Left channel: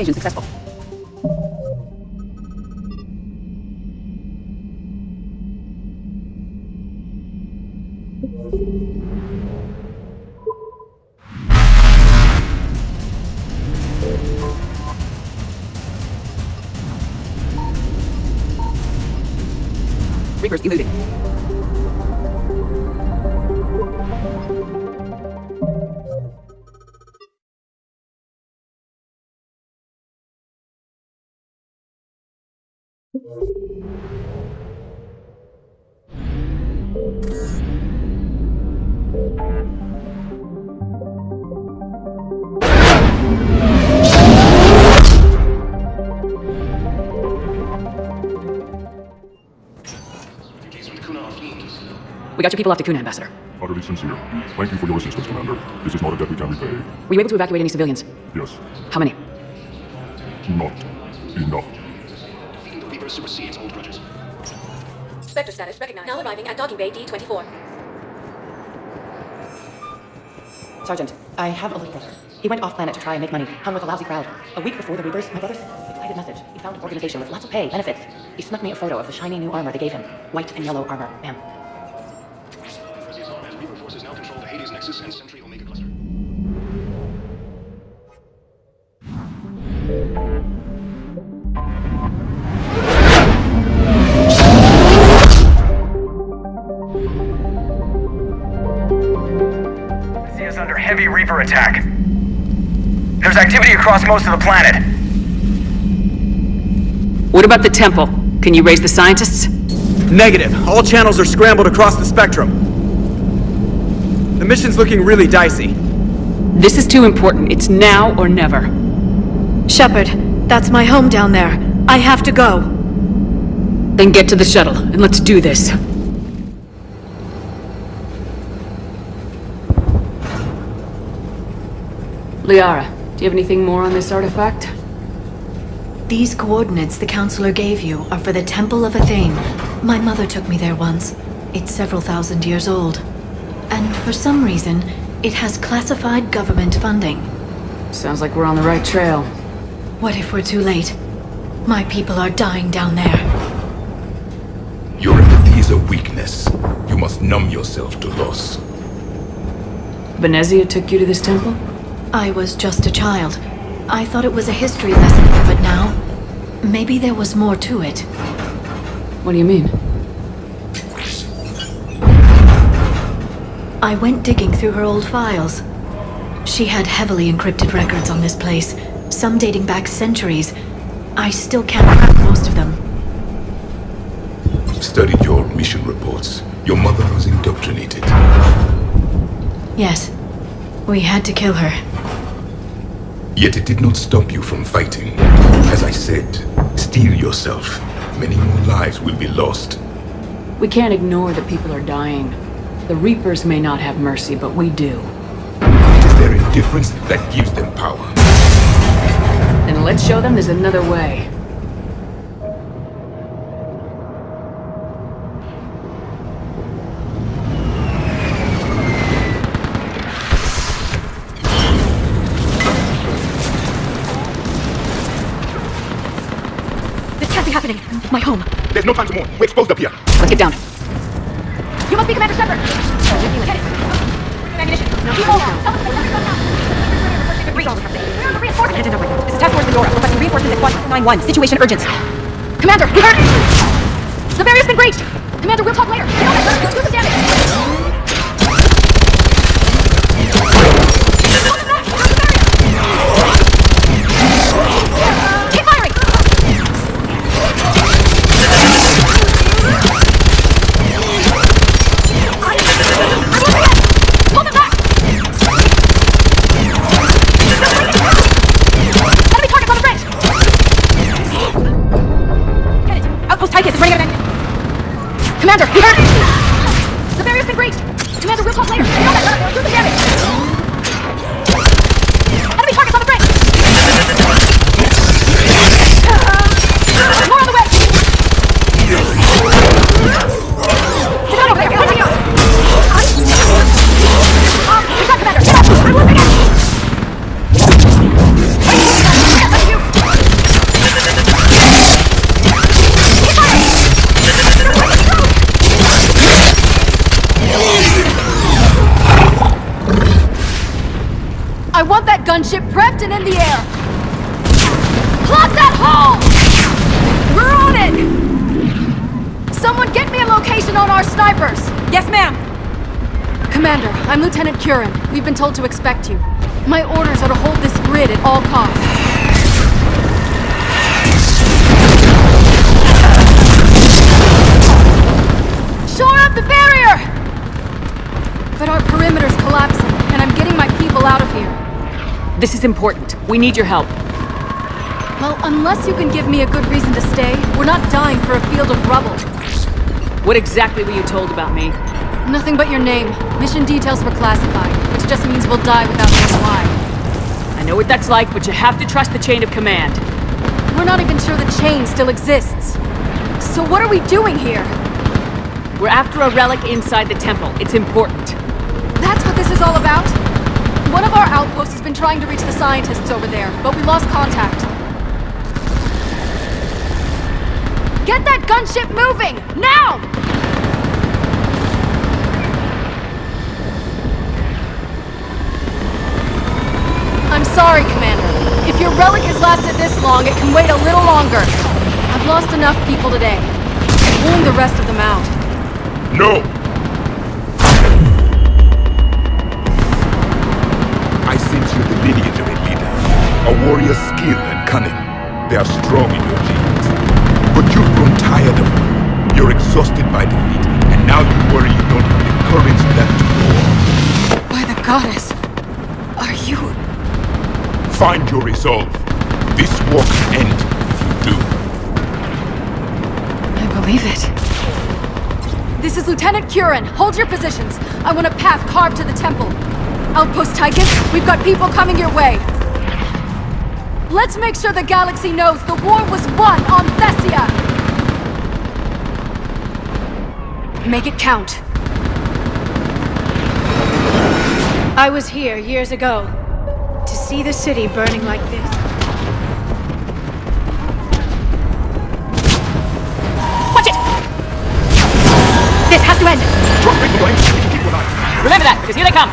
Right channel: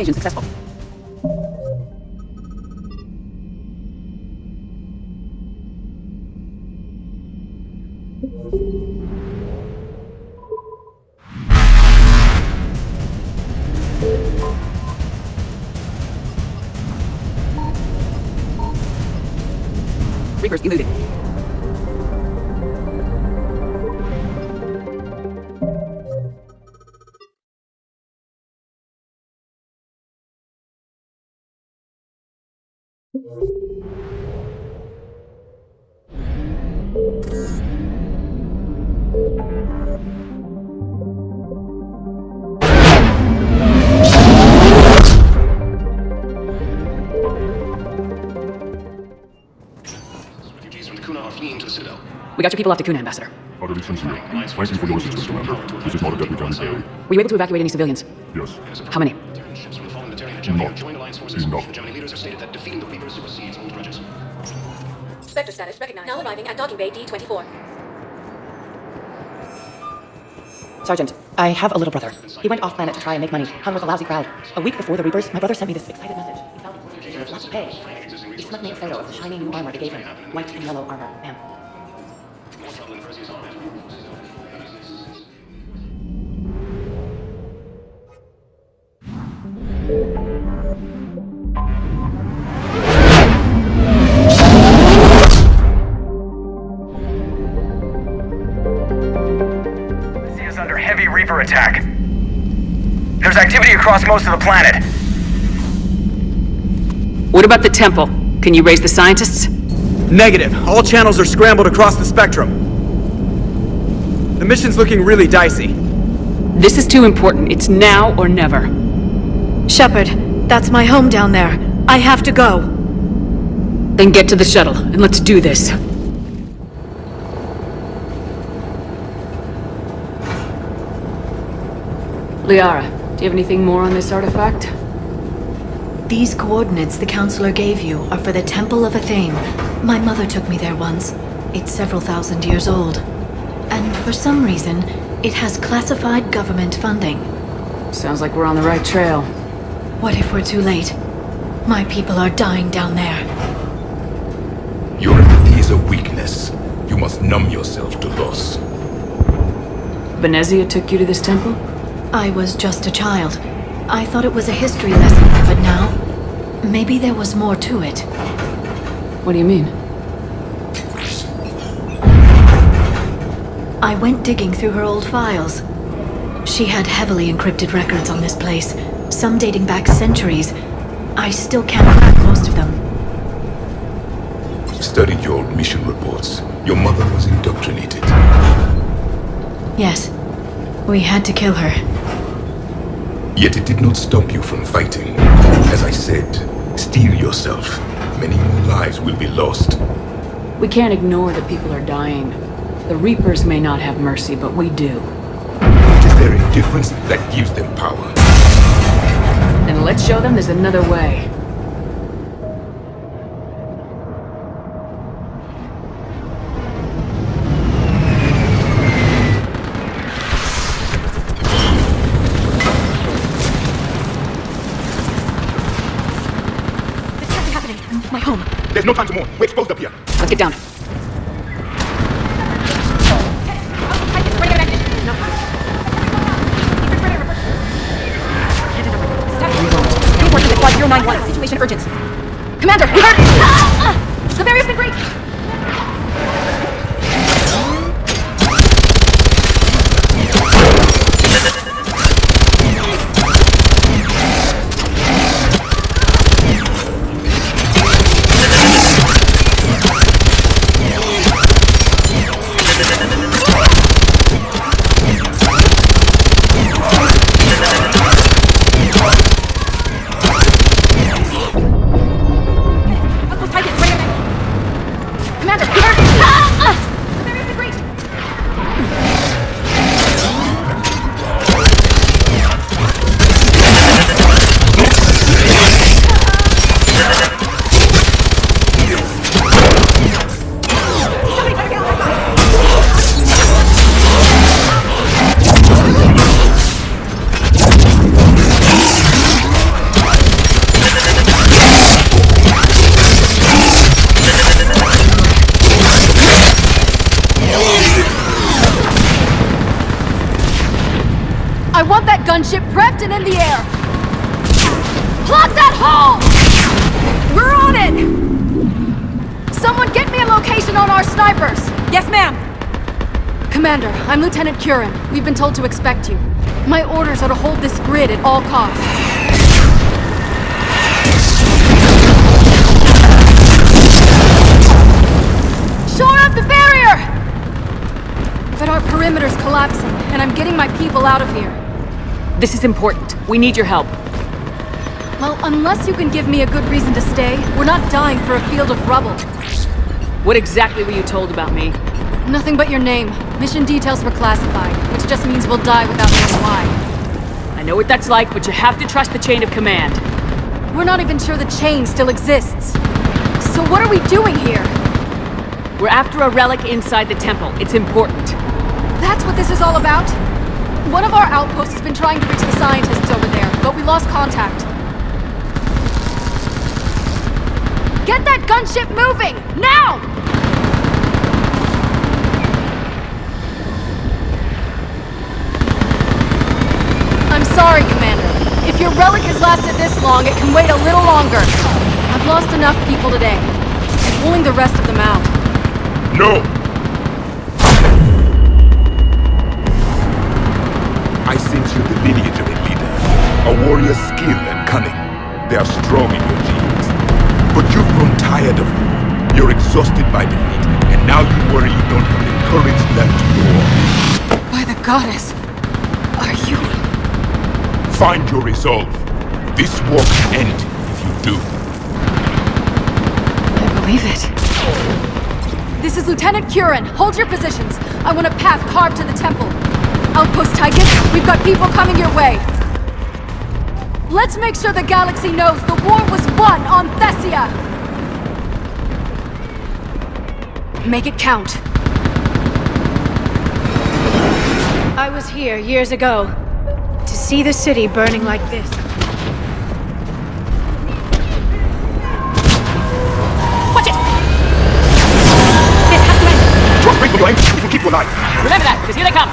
Evasion successful. Reapers eluded. We got your people off to Kuna, Ambassador. Thank you for your assistance, Commander. This is not a deadly time of day. Were you able to evacuate any civilians? Yes. How many? Enough. Spectre status recognized. Now arriving at docking bay D-24. Sergeant, I have a little brother. He went off-planet to try and make money, hung with a lousy crowd. A week before the Reapers, my brother sent me this excited message. He found an organization with lots of pay, benefits. He sent me a photo of the shiny new armor they gave him. White and yellow armor. Ma'am. The sea is under heavy Reaper attack. There's activity across most of the planet. What about the temple? Can you raise the scientists? Negative. All channels are scrambled across the spectrum. The mission's looking really dicey. This is too important. It's now or never. Shepard, that's my home down there. I have to go. Then get to the shuttle, and let's do this. Liara, do you have anything more on this artifact? These coordinates the counselor gave you are for the Temple of Athene. My mother took me there once. It's several thousand years old. And for some reason, it has classified government funding. Sounds like we're on the right trail. What if we're too late? My people are dying down there. Your empathy is a weakness. You must numb yourself to loss. Venezia took you to this temple? I was just a child. I thought it was a history lesson, but now, maybe there was more to it. What do you mean? I went digging through her old files. She had heavily encrypted records on this place, some dating back centuries. I still can't crack most of them. Studied your old mission reports. Your mother was indoctrinated. Yes, we had to kill her. Yet it did not stop you from fighting. As I said, steel yourself. Many more lives will be lost. We can't ignore that people are dying. The Reapers may not have mercy, but we do. It is their indifference that gives them power. Then let's show them there's another way. This can't be happening. My home. There's no time to move. We're exposed up here. Let's get down. You must be Commander Shepard. This is Task Force Control. Requesting reinforcements at Flight 091. Situation urgent. Commander! The barrier's been breached! Commander, we'll talk later. Do the damage! Keep firing! Hold them back! Enemy targets on the bridge! Get it! Outpost Titus is ready to attack! Commander! The gunship prepped and in the air! Plug that hole! We're on it! Someone get me a location on our snipers! Yes, ma'am! Commander, I'm Lieutenant Curran. We've been told to expect you. My orders are to hold this grid at all costs. Shore up the barrier! But our perimeter's collapsing, and I'm getting my people out of here. This is important. We need your help. Well, unless you can give me a good reason to stay, we're not dying for a field of rubble. What exactly were you told about me? Nothing but your name. Mission details were classified, which just means we'll die without knowing why. I know what that's like, but you have to trust the chain of command. We're not even sure the chain still exists. So what are we doing here? We're after a relic inside the temple. It's important. That's what this is all about? One of our outposts has been trying to reach the scientists over there, but we lost contact. Get that gunship moving! Now! I'm sorry, Commander. If your relic has lasted this long, it can wait a little longer. I've lost enough people today. I'm pulling the rest of them out. No! I sense you're the lineage of a leader. A warrior's skill and cunning. They are strong in your genes. But you've grown tired of me. You're exhausted by defeat, and now you worry you don't have the courage left to go on. By the goddess, are you... Find your resolve. This war can end if you do. I believe it. This is Lieutenant Curran. Hold your positions. I want a path carved to the temple. Outpost Tychus, we've got people coming your way. Let's make sure the galaxy knows the war was won on Thessia! Make it count. I was here years ago to see the city burning like this. Watch it! This has to end! Drop people going. You can keep your eye. Remember that, because here they come!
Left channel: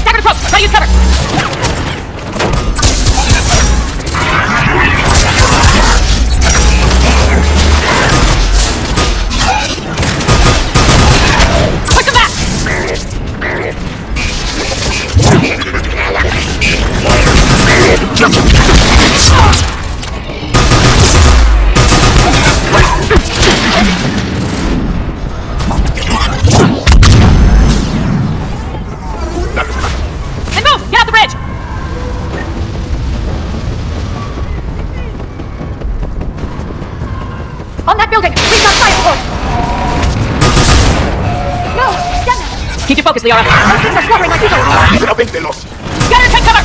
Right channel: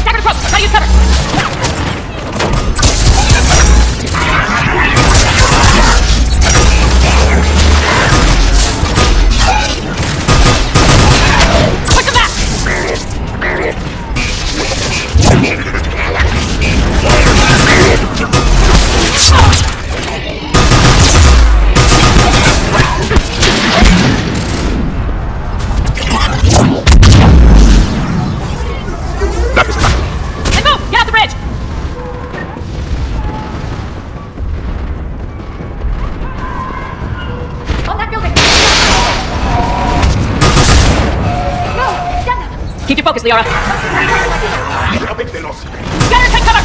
Staggered approach! Try to use cover! On that building! Please not fire! Keep your focus, Leora. Listen up, Entelos. Gunner, take cover!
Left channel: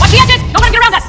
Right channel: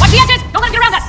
Watch the edges! Don't let him get around us!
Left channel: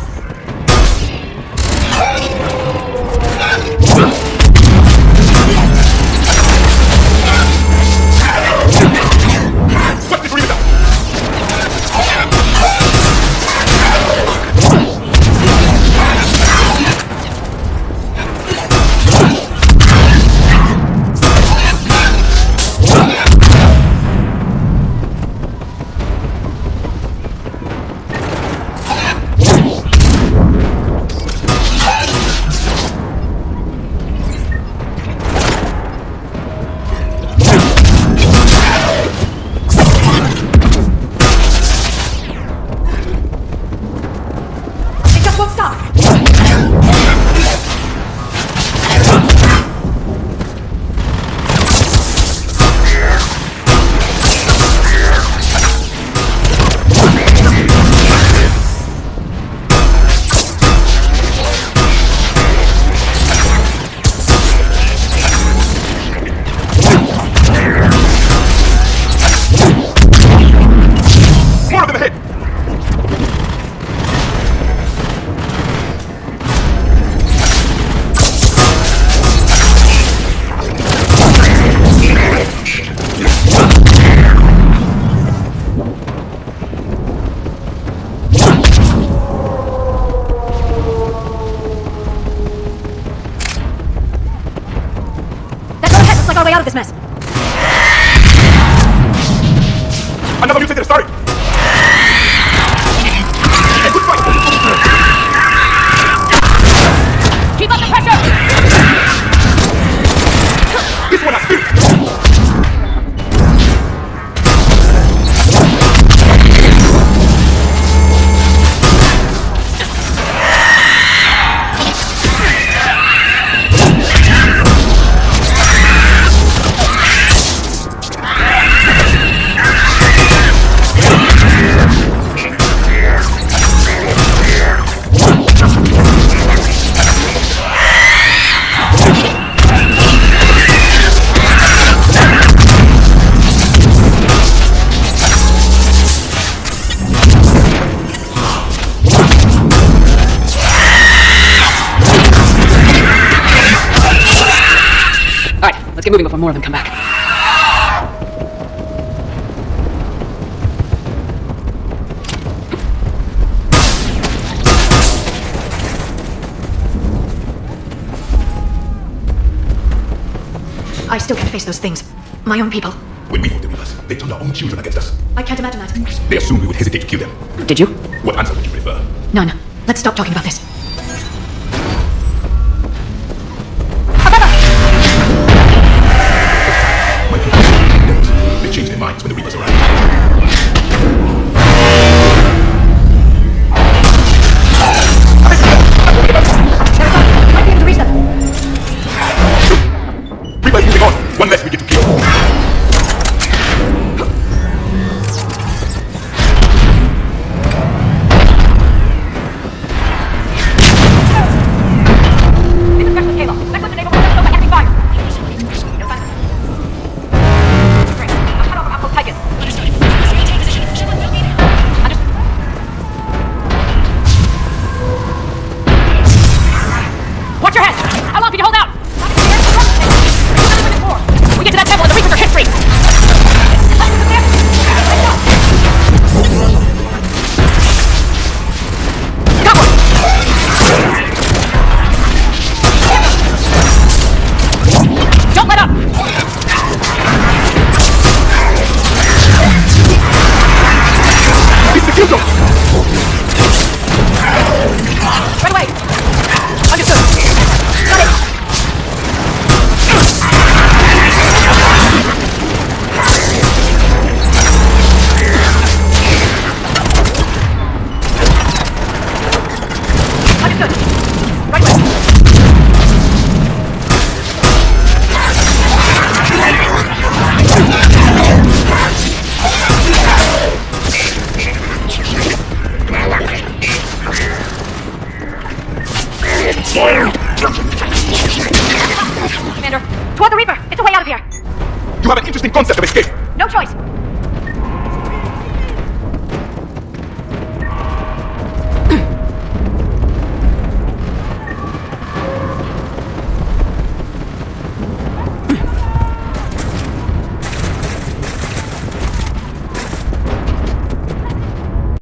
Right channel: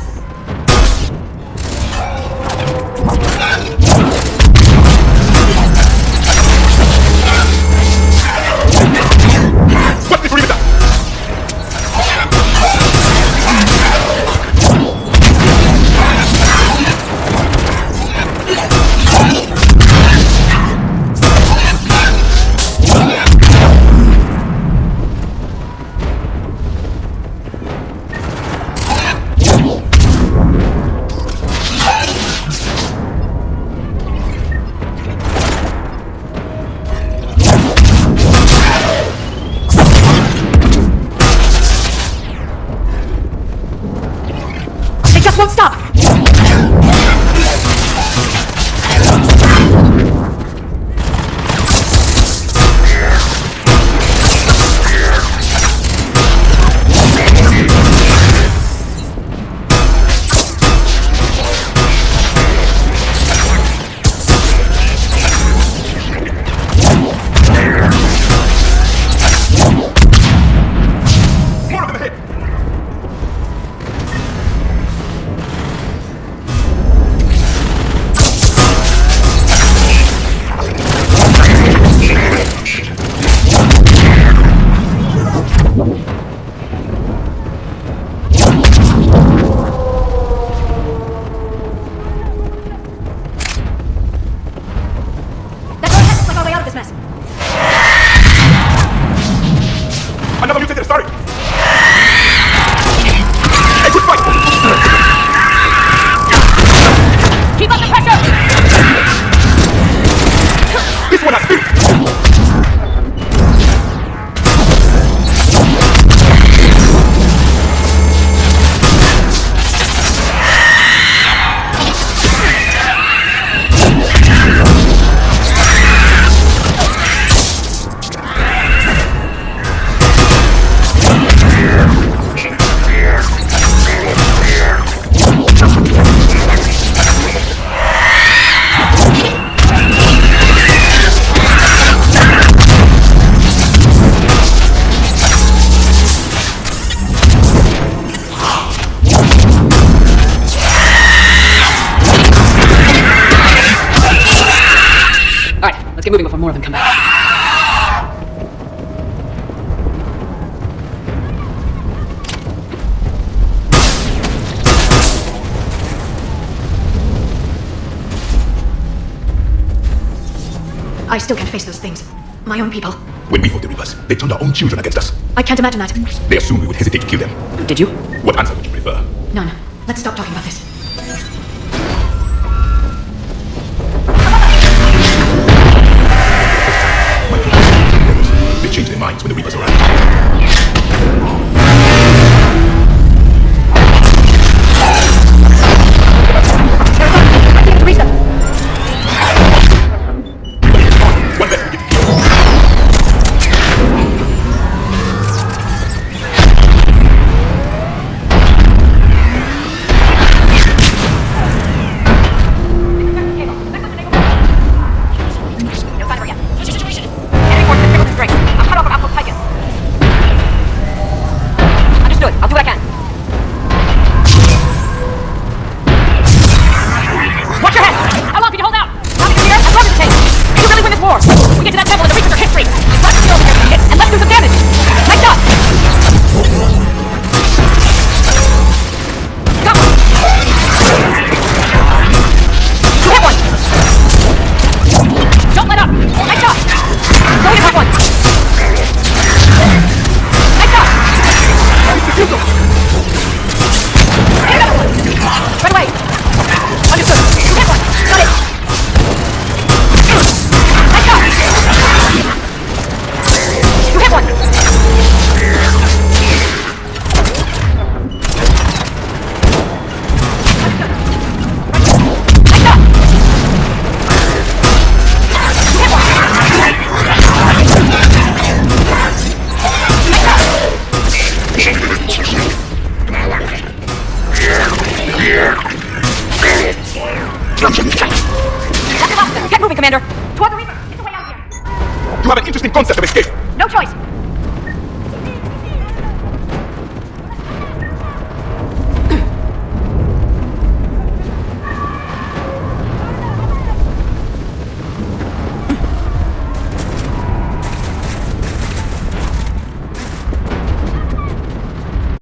still can't face those things. My own people. When we fought the Reapers, they turned our own children against us. I can't imagine that. They assumed we would hesitate to kill them. Did you? What answer would you prefer? None. Let's stop talking about this.